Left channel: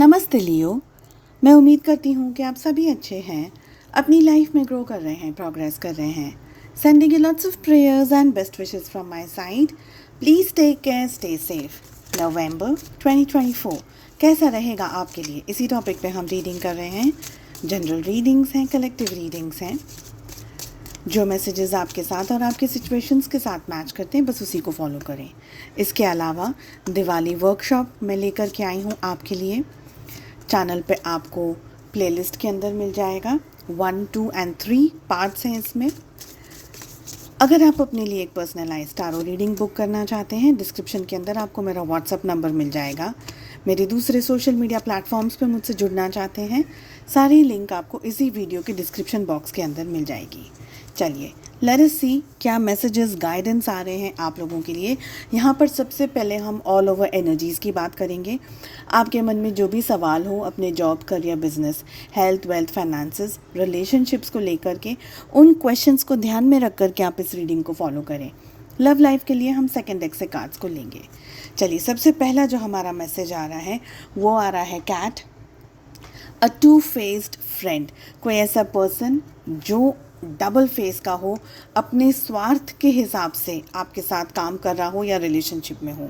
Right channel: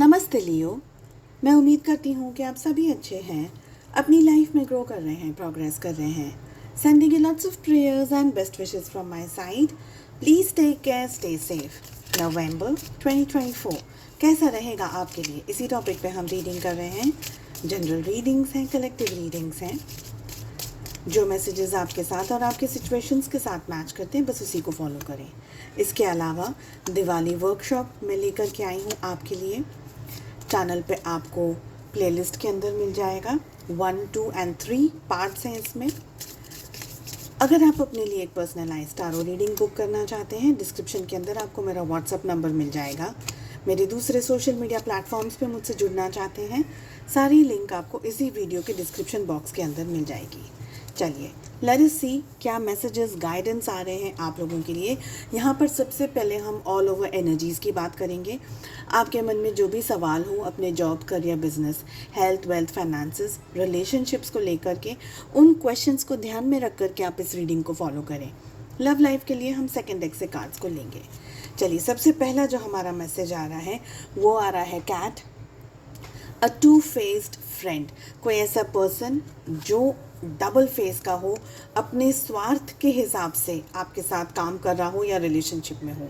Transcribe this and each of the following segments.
नमस्ते लियो। मैं उम्मीद करती हूँ कि आप सभी अच्छे हैं, अपनी लाइफ में ग्रो कर रहे हैं, प्रोग्रेस कर रहे हैं। Sending you lots of prayers and best wishes from my side. Please take care, stay safe. नवंबर 2024 कैसा रहेगा आपके लिए, इसी टॉपिक पे हम रीडिंग कर रहे हैं। जनरल रीडिंग्स हैं, कलेक्टिव रीडिंग्स हैं। जो मैसेजेस आपके साथ और आपके सिचुएशंस के साथ मैच करते हैं, बस उसी को फॉलो करें। इसके अलावा दिवाली वर्कशॉप मैं लेकर के आई हूँ आपके लिए। चैनल पे आपको प्लेलिस्ट के अंदर मिल जाएगा। 1, 2 and 3 पार्ट्स हैं इसमें। अगर आप अपने लिए एक पर्सनलाइज टारो रीडिंग बुक करना चाहते हैं, डिस्क्रिप्शन के अंदर आपको मेरा व्हाट्सअप नंबर मिल जाएगा। मेरे दूसरे सोशल मीडिया प्लेटफॉर्म्स पे मुझसे जुड़ना चाहते हैं, सारी लिंक आपको इसी वीडियो के डिस्क्रिप्शन बॉक्स के अंदर मिल जाएगी। चलिए लेट अस सी क्या मैसेजेस गाइडेंस आ रहे हैं आप लोगों के लिए। यहाँ पर सबसे पहले हम ऑल ओवर एनर्जीज़ की बात करेंगे। आपके मन में जो भी सवाल हो अपने job, career, business, health, wealth, finances, relationships को लेकर के, उन क्वेश्चंस को ध्यान में रख कर के आप इस रीडिंग को फॉलो करें। लव लाइफ के लिए हम सेकेंड डेक से कार्ड्स को लेंगे। चलिए सबसे पहला जो हमारा मैसेज आ रहा है वो आ रहा है cat, a two faced friend. कोई ऐसा पर्सन जो डबल फेस का हो, अपने स्वार्थ के हिसाब से आपके साथ काम कर रहा हो या रिलेशनशिप में हो।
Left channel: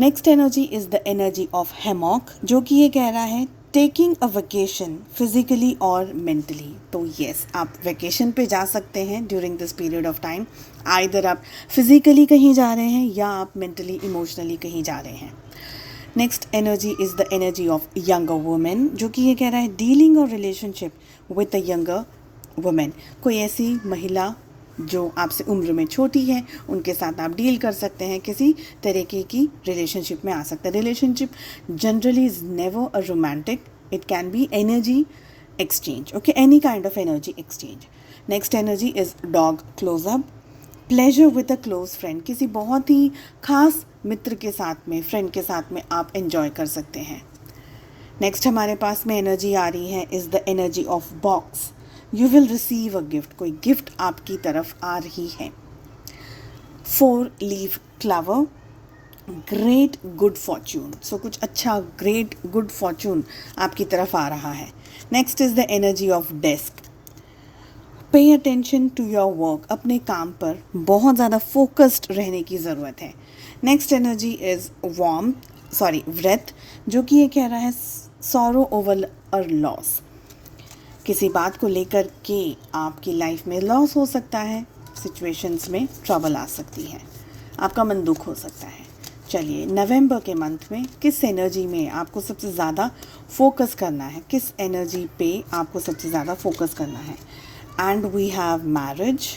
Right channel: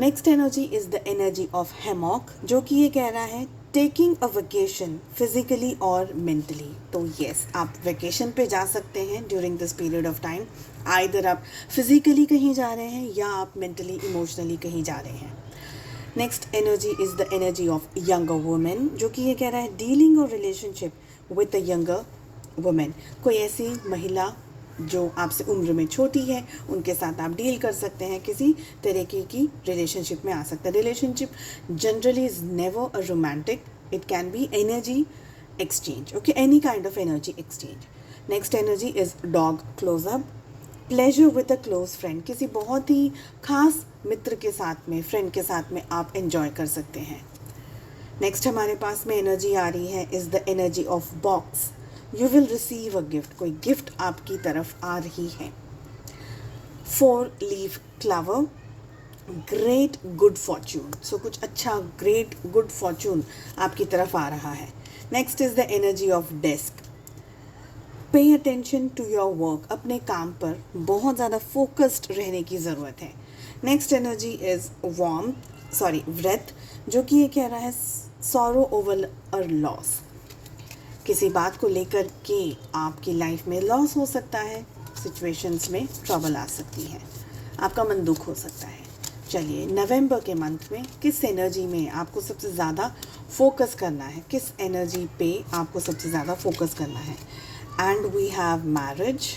Next energy is the energy of hammock, जो कि ये कह रहा है टेकिंग अ वेकेशन फिजिकली और मेंटली। तो यस, आप वेकेशन पे जा सकते हैं during this period of time. Either आप फिजिकली कहीं जा रहे हैं या आप मेंटली इमोशनली कहीं जा रहे हैं। Next energy is the energy of younger women, जो कि ये कह रहा है डीलिंग और relationship with a younger women. कोई ऐसी महिला जो आपसे उम्र में छोटी है, उनके साथ आप डील कर सकते हैं, किसी तरीके की रिलेशनशिप में आ सकते हैं। Relationship generally is never a romantic, it can be energy exchange, okay, any kind of energy exchange. Next energy is dog closeup, pleasure with a close friend. किसी बहुत ही खास मित्र के साथ में, फ्रेंड के साथ में आप एंजॉय कर सकते हैं। नेक्स्ट हमारे पास में एनर्जी आ रही है is the energy of box, you will receive a gift. कोई गिफ्ट आपकी तरफ आ रही है। 4 लीफ क्लवर, ग्रेट गुड फॉर्चून। सो कुछ अच्छा ग्रेट गुड फॉर्चून आपकी तरफ आ रहा है। Next is the energy of desk, pay attention to your work. अपने काम पर बहुत ज़्यादा फोकस्ड रहने की ज़रूरत है। नेक्स्ट एनर्जी इज व्रेथ, जो कि ये कह रहा है सॉरो ओवर अ लॉस। किसी बात को लेकर के आपकी लाइफ में लॉस हो सकता है, सिचुएशंस में ट्रबल आ सकती है, आपका मन दुख हो सकता है। चलिए नवंबर के मंथ में किस एनर्जी में आपको सबसे ज़्यादा फोकस करना है, किस एनर्जी पे आपको सबसे ज़्यादा फोकस करना है। And we have marriage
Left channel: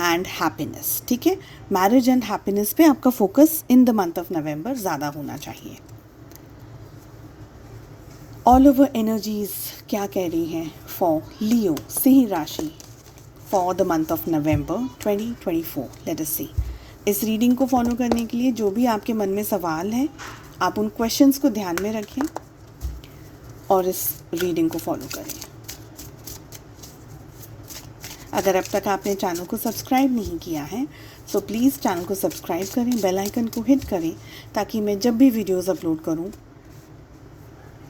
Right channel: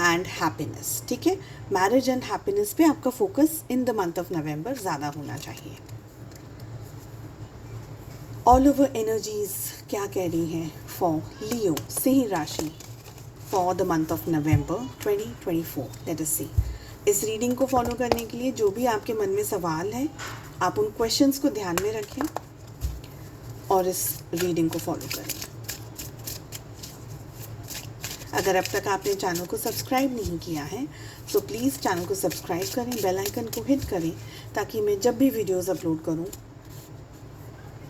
and happiness, ठीक है। मैरिज एंड हैप्पीनेस पे आपका focus in the month of November ज़्यादा होना चाहिए। ऑल ओवर एनर्जीज क्या कह रही हैं फॉर लियो, सिंह राशि, for the month of November 2024। Let us see. इस रीडिंग को फॉलो करने के लिए जो भी आपके मन में सवाल हैं, आप उन क्वेश्चंस को ध्यान में रखें और इस रीडिंग को फॉलो करें। अगर अब तक आपने चैनल को सब्सक्राइब नहीं किया है तो प्लीज़ चैनल को सब्सक्राइब करें, बेल आइकन को हिट करें, ताकि मैं जब भी वीडियोज़ अपलोड करूँ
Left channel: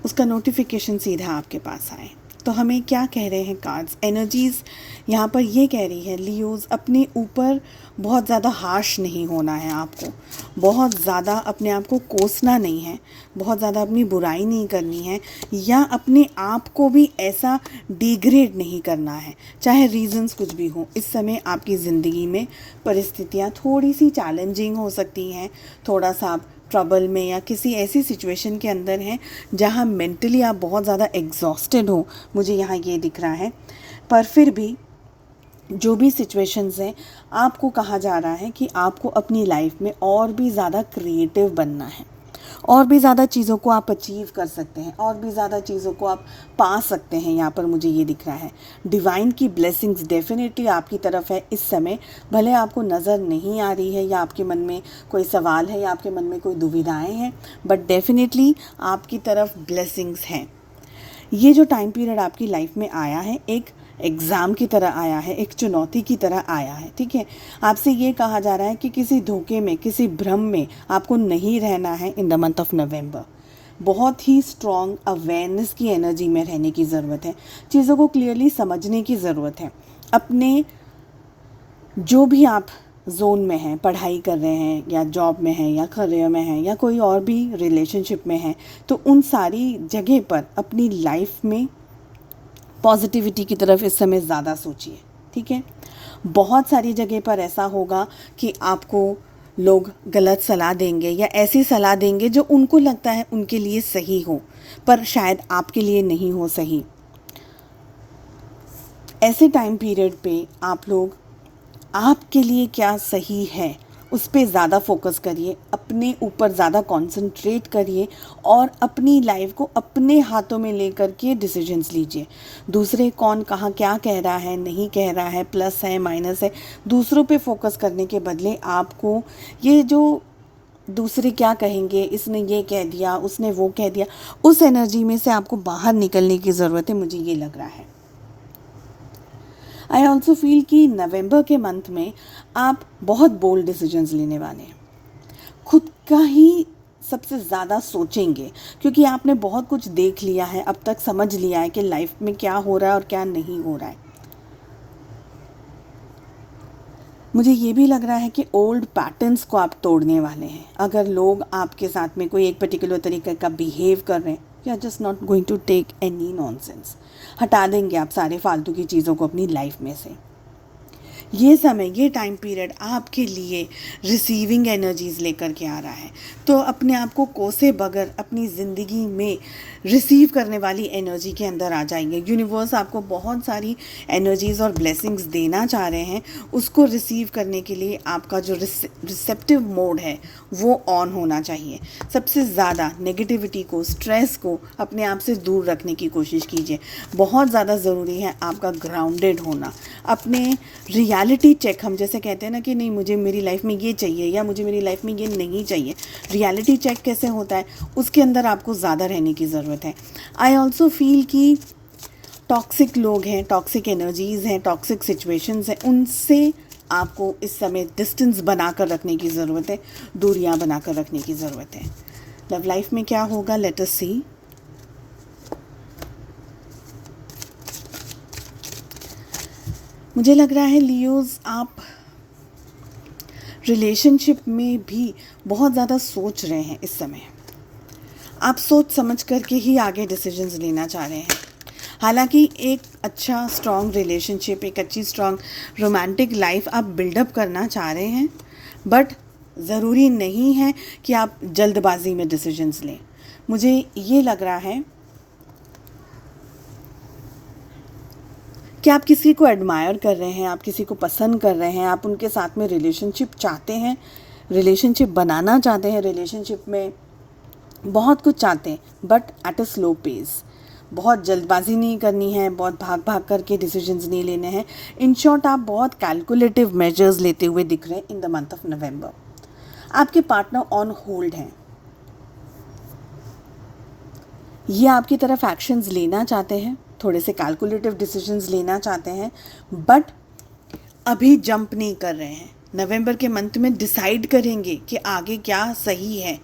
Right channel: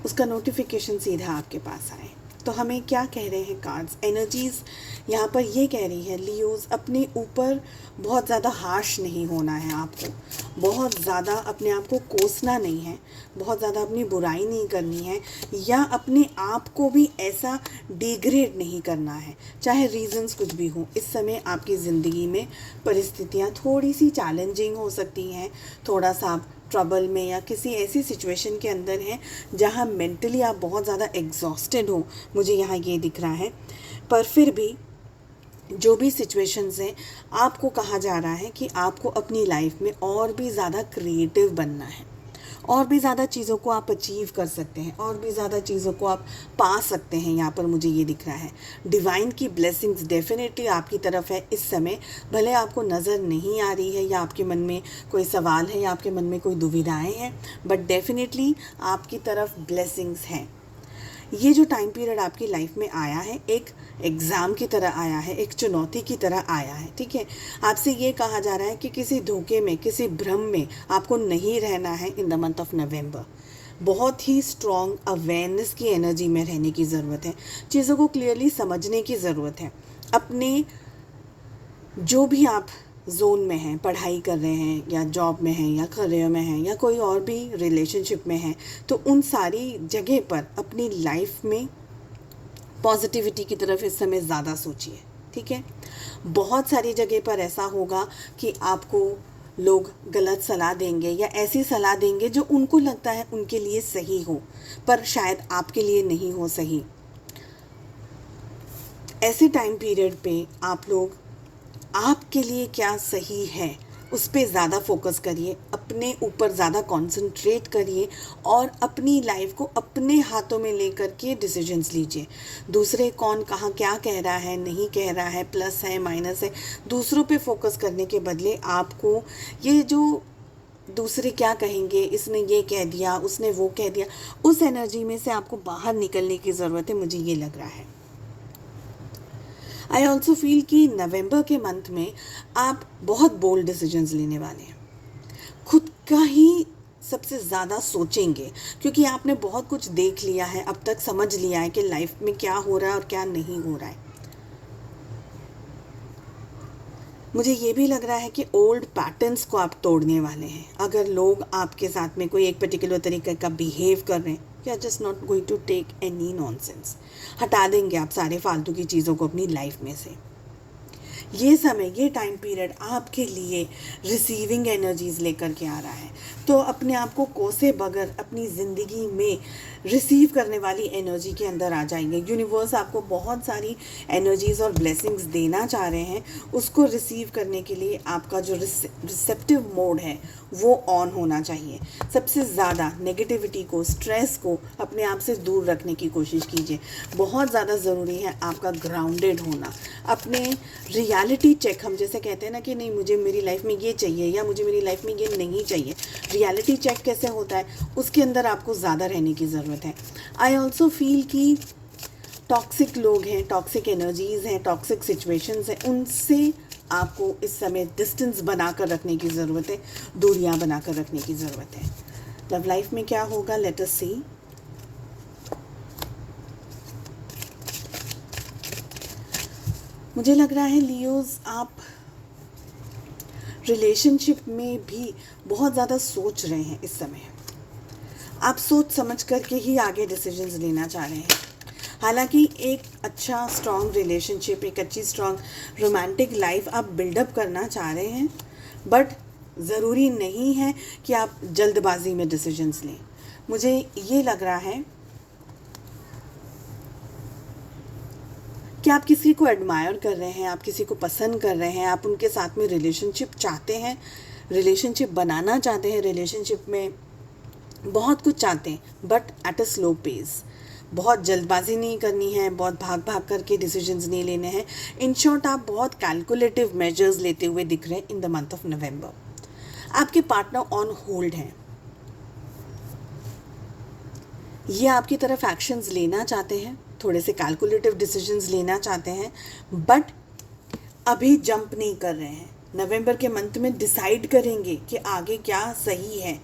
उसका नोटिफिकेशन सीधा आपके पास आए। तो हमें क्या कह रहे हैं कार्ड्स, एनर्जीज़ यहाँ पर ये कह रही है लियोज़ अपने ऊपर बहुत ज़्यादा हार्श नहीं होना है आपको, बहुत ज़्यादा अपने आप को कोसना नहीं है, बहुत ज़्यादा अपनी बुराई नहीं करनी है, या अपने आप को भी ऐसा डिग्रेड नहीं करना है, चाहे रीज़न्स कुछ भी हो। इस समय आपकी ज़िंदगी में परिस्थितियाँ थोड़ी सी चैलेंजिंग हो सकती हैं, थोड़ा सा आप ट्रबल में या किसी ऐसी सिचुएशन के अंदर हैं जहां मेंटली आप बहुत ज़्यादा एग्जॉस्टेड हो, मुझे यहाँ ये दिख रहा है। पर फिर भी जो भी सिचुएशंस हैं, आपको कहा जा रहा है कि आपको अपनी लाइफ में और भी ज़्यादा क्रिएटिव बनना है, और भी ज़्यादा चीज़ों को आप अचीव कर सकते हैं, और भी ज़्यादा चीज़ों को आप पा सकते हैं। यहाँ पर मुझे ये दिख रहा है डिवाइन की ब्लेसिंग्स डेफिनेटली आपकी तरफ है इस समय। भले आपको नज़र नहीं आ रही है, या आपके मन में कोई सवाल है, या आपके मन में कोई दुविधाएं हैं, बट डेफिनेटली आपकी तरफ ब्लेसिंग्स हैं। ये जो टाइम पीरियड आपकी लाइफ में आया है, एक एग्ज़ाम की तरह आया है, एक चुनौती की तरह आया है, ठीक है। आपसे ये कहा जा रहा है कि किसी धोखे में, किसी भ्रम में आपको नहीं रहना है इन द मंथ ऑफ नवंबर। बहुत ही स्ट्रॉन्ग अवेयरनेस की एनर्जी में रहने की ज़रूरत है। चीज़ों को क्लियरली समझने की ज़रूरत है। अपने जो भी आप जोन में हैं, पढ़ाई कर रहे हैं या जॉब में हैं या करियर में हैं या कोई और भी रिलेशनशिप में हैं, तो उन सारी जगह पर अपनी लाइफ में पॉजिटिविटी की तरफ इस समय ज़्यादा सोचिए, ठीक है। बहुत सारी जगह पर ऐसा होगा कि आपको लोग गलत सलाह देंगे या ऐसी सलाह देंगे जो उनको लगता है उनके लिए सही हो, पर शायद आपके लिए नहीं हो सही। ऐसे टाइम पीरियड पे आप लोग आपके लिए क्या सही है उस पर ज़्यादा फोकस करिए, अपने ऊपर ज़्यादा कंसंट्रेट करिए और अपनी लाइफ को अपने हाथों में लेकर के डिसीजंस लीजिए। दूसरे कौन कहाँ क्या कह रहा है, नहीं कह रहा है, प्लस है माइनस है, दूसरों पे फोकस करने के बदले आपको ये जो दूसरे क्या कहेंगे, इसने ये कह दिया, उसने वो कह दिया, उस एनर्जी में से आपको बाहर निकलने की ज़रूरत है, मुझे ये लग रहा है। आई ऑल्सो फील कि नवंबर के मंथ में आप बहुत बोल्ड डिसीजंस लेने वाले हैं। खुद का ही सबसे ज़्यादा सोचेंगे क्योंकि आपने बहुत कुछ देख लिया है, अब तक समझ लिया है कि लाइफ में क्या हो रहा है और क्या नहीं हो रहा है। मुझे ये भी लग रहा है कि ओल्ड पैटर्न्स को आप तोड़ने वाले हैं। अगर लोग आपके साथ में कोई एक पर्टिकुलर तरीके का बिहेव कर रहे हैं, you are just not going to take any nonsense. हटा देंगे आप सारे फालतू की चीज़ों को अपनी लाइफ में से। ये समय, ये टाइम पीरियड आपके लिए रिसीविंग एनर्जीज़ लेकर के आ रहा है, तो अपने आप को कोसे बगैर अपनी ज़िंदगी में रिसीव करने वाली एनर्जी के अंदर आ जाएंगे। यूनिवर्स आपको बहुत सारी एनर्जीज़ और ब्लेसिंग्स देना चाह रहे हैं, उसको रिसीव करने के लिए आपका जो रिसेप्टिव मोड है वो ऑन होना चाहिए। सबसे ज़्यादा नेगेटिविटी को, स्ट्रेस को अपने आप से दूर रखने की कोशिश कीजिए। बहुत ज़्यादा ज़रूरी है आपका ग्राउंडेड होना। अपने रियलिटी चेक, हम जैसे कहते हैं ना कि नहीं मुझे मेरी लाइफ में ये चाहिए या मुझे मेरी लाइफ में ये नहीं चाहिए, रियलिटी चेक कैसे होता है उसके अंदर आपको ज़्यादा रहने की ज़रूरत है। आई ऑल्सो फील कि टॉक्सिक लोग हैं, टॉक्सिक एनर्जीज़ हैं, टॉक्सिक सिचुएशंस हैं, उनसे आपको इस समय डिस्टेंस बना कर रखने की ज़रूरत है, दूरियां बना कर रखने की ज़रूरत है। लव लाइफ में क्या होगा, लेट अस सी। मुझे लग रहा है लियोज़, आप रिलेशनशिप में भी बहुत ज़्यादा सोच रहे हैं इस समय। आप सोच समझ करके ही आगे डिसीजंस लेना चाह रहे हैं। हालांकि एक अच्छा स्ट्रॉन्ग रिलेशनशिप, एक अच्छी स्ट्रॉन्ग रोमांटिक लाइफ आप बिल्डअप करना चाह रहे हैं, बट ज़रूरी नहीं है कि आप जल्दबाजी में डिसीजंस लें। मुझे ये लग रहा है कि आप किसी को एडमायर कर रहे हैं, आप किसी को पसंद कर रहे हैं, आप उनके साथ में रिलेशनशिप चाहते हैं, रिलेशनशिप बनाना चाहते हैं, रिलेशनशिप में बहुत कुछ चाहते हैं, but at a slow pace. बहुत जल्दबाजी नहीं करनी है, बहुत भाग भाग करके डिसीजंस नहीं लेने हैं। इन शॉर्ट, आप बहुत कैलकुलेटिव मेजर्स लेते हुए दिख रहे हैं इन द मंथ ऑफ नवंबर। आपके पार्टनर ऑन होल्ड हैं, ये आपकी तरफ एक्शंस लेना चाहते हैं, थोड़े से कैलकुलेटिव डिसीजंस लेना चाहते हैं, बट अभी जंप नहीं कर रहे हैं। नवंबर के मंथ में डिसाइड करेंगे कि आगे क्या सही है,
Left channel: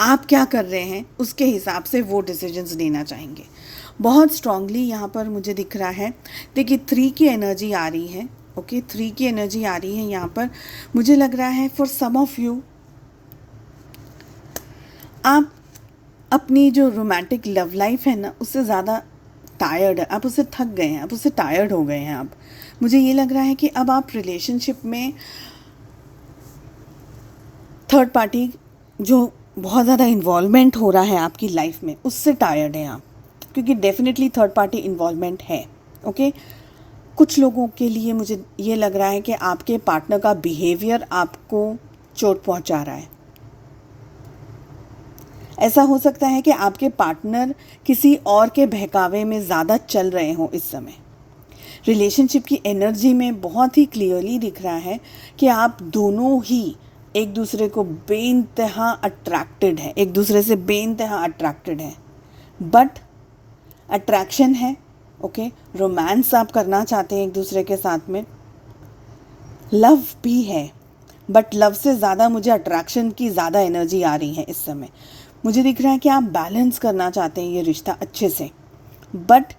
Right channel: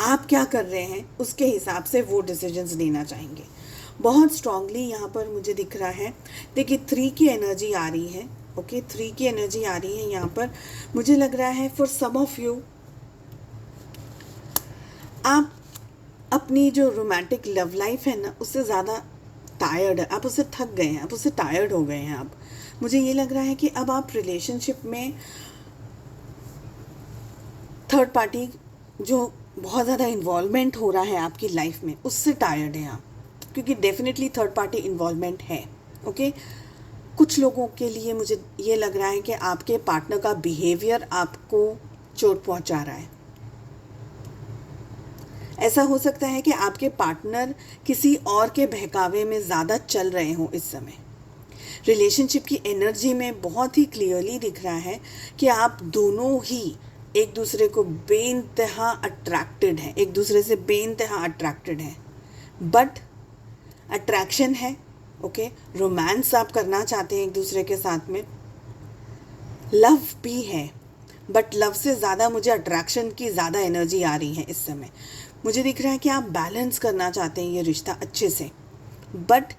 आप क्या कर रहे हैं, उसके हिसाब से वो डिसीजंस लेना चाहेंगे। बहुत स्ट्रांगली यहाँ पर मुझे दिख रहा है, देखिए 3 की एनर्जी आ रही है। ओके, 3 की एनर्जी आ रही है यहाँ पर। मुझे लग रहा है फॉर सम ऑफ यू, आप अपनी जो रोमांटिक लव लाइफ है ना, उससे ज़्यादा टायर्ड है, आप उससे थक गए हैं, आप उससे टायर्ड हो गए हैं। आप, मुझे ये लग रहा है कि अब आप रिलेशनशिप में थर्ड पार्टी जो बहुत ज़्यादा इन्वॉल्वमेंट हो रहा है आपकी लाइफ में, उससे टायर्ड हैं आप, क्योंकि डेफिनेटली थर्ड पार्टी इन्वॉल्वमेंट है। ओके, कुछ लोगों के लिए मुझे ये लग रहा है कि आपके पार्टनर का बिहेवियर आपको चोट पहुंचा रहा है। ऐसा हो सकता है कि आपके पार्टनर किसी और के बहकावे में ज़्यादा चल रहे हों इस समय। रिलेशनशिप की एनर्जी में बहुत ही क्लियरली दिख रहा है कि आप दोनों ही एक दूसरे को बेइंतहा अट्रैक्टेड है, एक दूसरे से बेइंतहा अट्रैक्टेड है, बट अट्रैक्शन है। ओके, रोमांस आप करना चाहते हैं एक दूसरे के साथ में, लव भी है, बट लव से ज़्यादा मुझे अट्रैक्शन की ज़्यादा एनर्जी आ रही है इस समय। मुझे दिख रहा है कि आप बैलेंस करना चाहते हैं ये रिश्ता अच्छे से, बट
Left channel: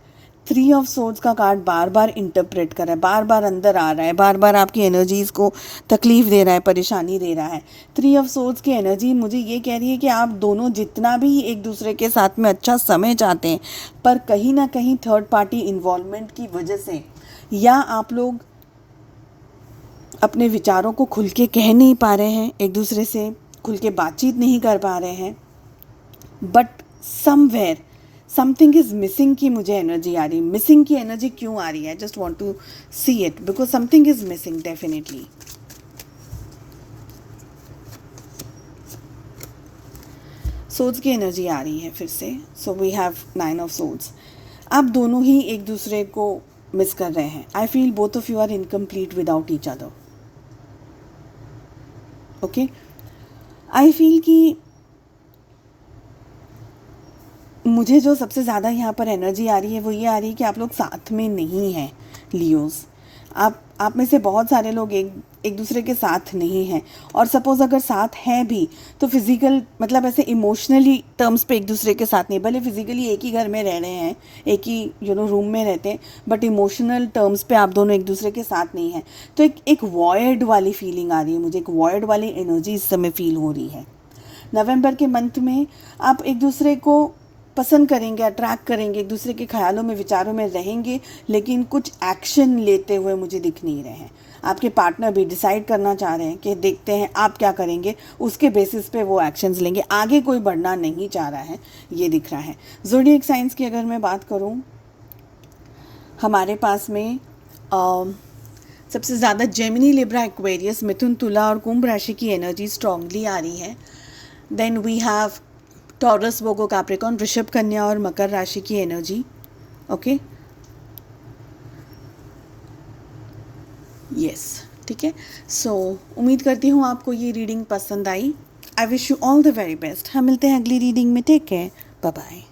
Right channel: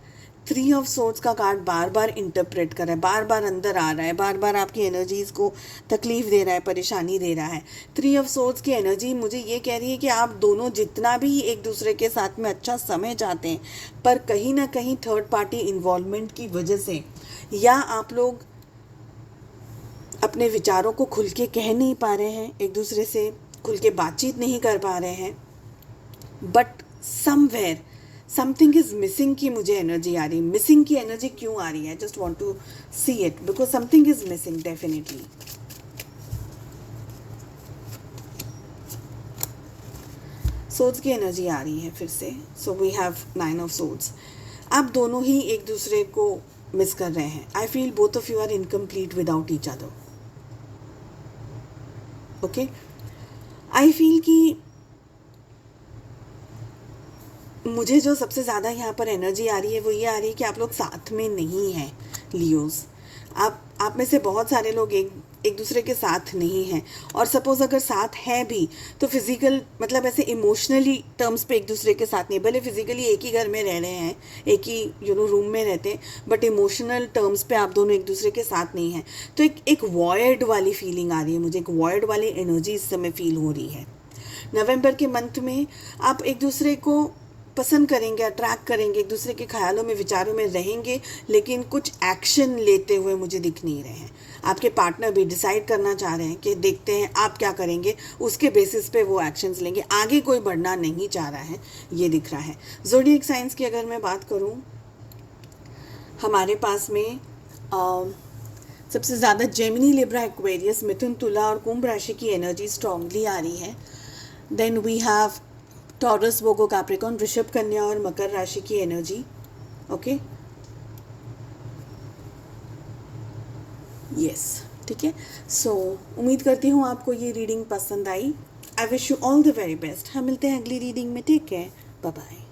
3 ऑफ सोर्ड्स का कार्ड बार बार इंटरप्रेट कर रहा है, बार बार अंदर आ रहा है, बार बार आपकी एनर्जीज़ को तकलीफ़ दे रहा है, परेशानी दे रहा है। 3 ऑफ सोर्ड्स की एनर्जी मुझे ये कह रही है कि आप दोनों जितना भी एक दूसरे के साथ में अच्छा समय चाहते हैं, पर कहीं ना कहीं थर्ड पार्टी इन्वॉल्वमेंट की वजह से, या आप लोग अपने विचारों को खुल के कह नहीं पा रहे हैं, एक दूसरे से खुल के बातचीत नहीं कर पा रहे हैं, but somewhere something is missing की मुझे एनर्जी आ रही है। मिसिंग की एनर्जी क्यों आ रही है? Just want to see it, because something is missing definitely. Swords की एनर्जी आ रही है फिर से। So we have 9 of swords. आप दोनों ही एक दूसरे को मिस कर रहे हैं। I feel both of you are incomplete without each other. Okay, I feel कि मुझे जो सबसे ज़्यादा यहाँ पर एनर्जी आ रही है वो ये आ रही है कि आप लोग साथ में नहीं हैं लियोज़। आप में से बहुत सारे लोग एक दूसरे के साथ नहीं हैं, और सपोज़ अगर साथ हैं भी तो फिज़िकल मतलब ऐसे इमोशनली टर्म्स पे एक दूसरे के साथ नहीं, भले फिज़िकली एक ही घर में रह रहे हैं, एक ही रूम में रहते हैं, बट इमोशनल टर्म्स पे आप दोनों एक दूसरे के साथ नहीं हैं। तो एक वॉयड वाली फीलिंग आ रही है मुझे, एक वॉयड वाली एनर्जी इस समय फील हो रही है। नवंबर के मंथ में आप एक दूसरे को पसंद करेंगे, अट्रैक्ट करेंगे, एक दूसरे के ख्यालों में, विचारों में रहेंगे, लेकिन कुछ एक्शन लेते हुए मुझे दिख नहीं रहे हैं। आपके पार्टनर भी डिसाइड करना चाह रहे हैं कि देखते हैं आप क्या करेंगे, उसके बेसिस पे वो एक्शंस लेंगे, आगे कोई बढ़ना नहीं चाह रहा है, ये दिख रहा है। ज़ोडिएक साइंस की अगर मैं बात करूं, हमारे पास में सबसे ज़्यादा जेमिनी, लिब्रा, एक्वेरियस, मिथुन, तुला और कुंभ राशि की एनर्जी स्ट्रांगली आ रही है। Then we have Taurus, Virgo, Capricorn, वृषभ, कन्या और मकर राशि की एनर्जी। ओके, यस, ठीक है। सो उम्मीद करती हूँ आपको ये रीडिंग पसंद आई। I wish you all the very best. हम मिलते हैं अगली रीडिंग में। Take care, bye bye.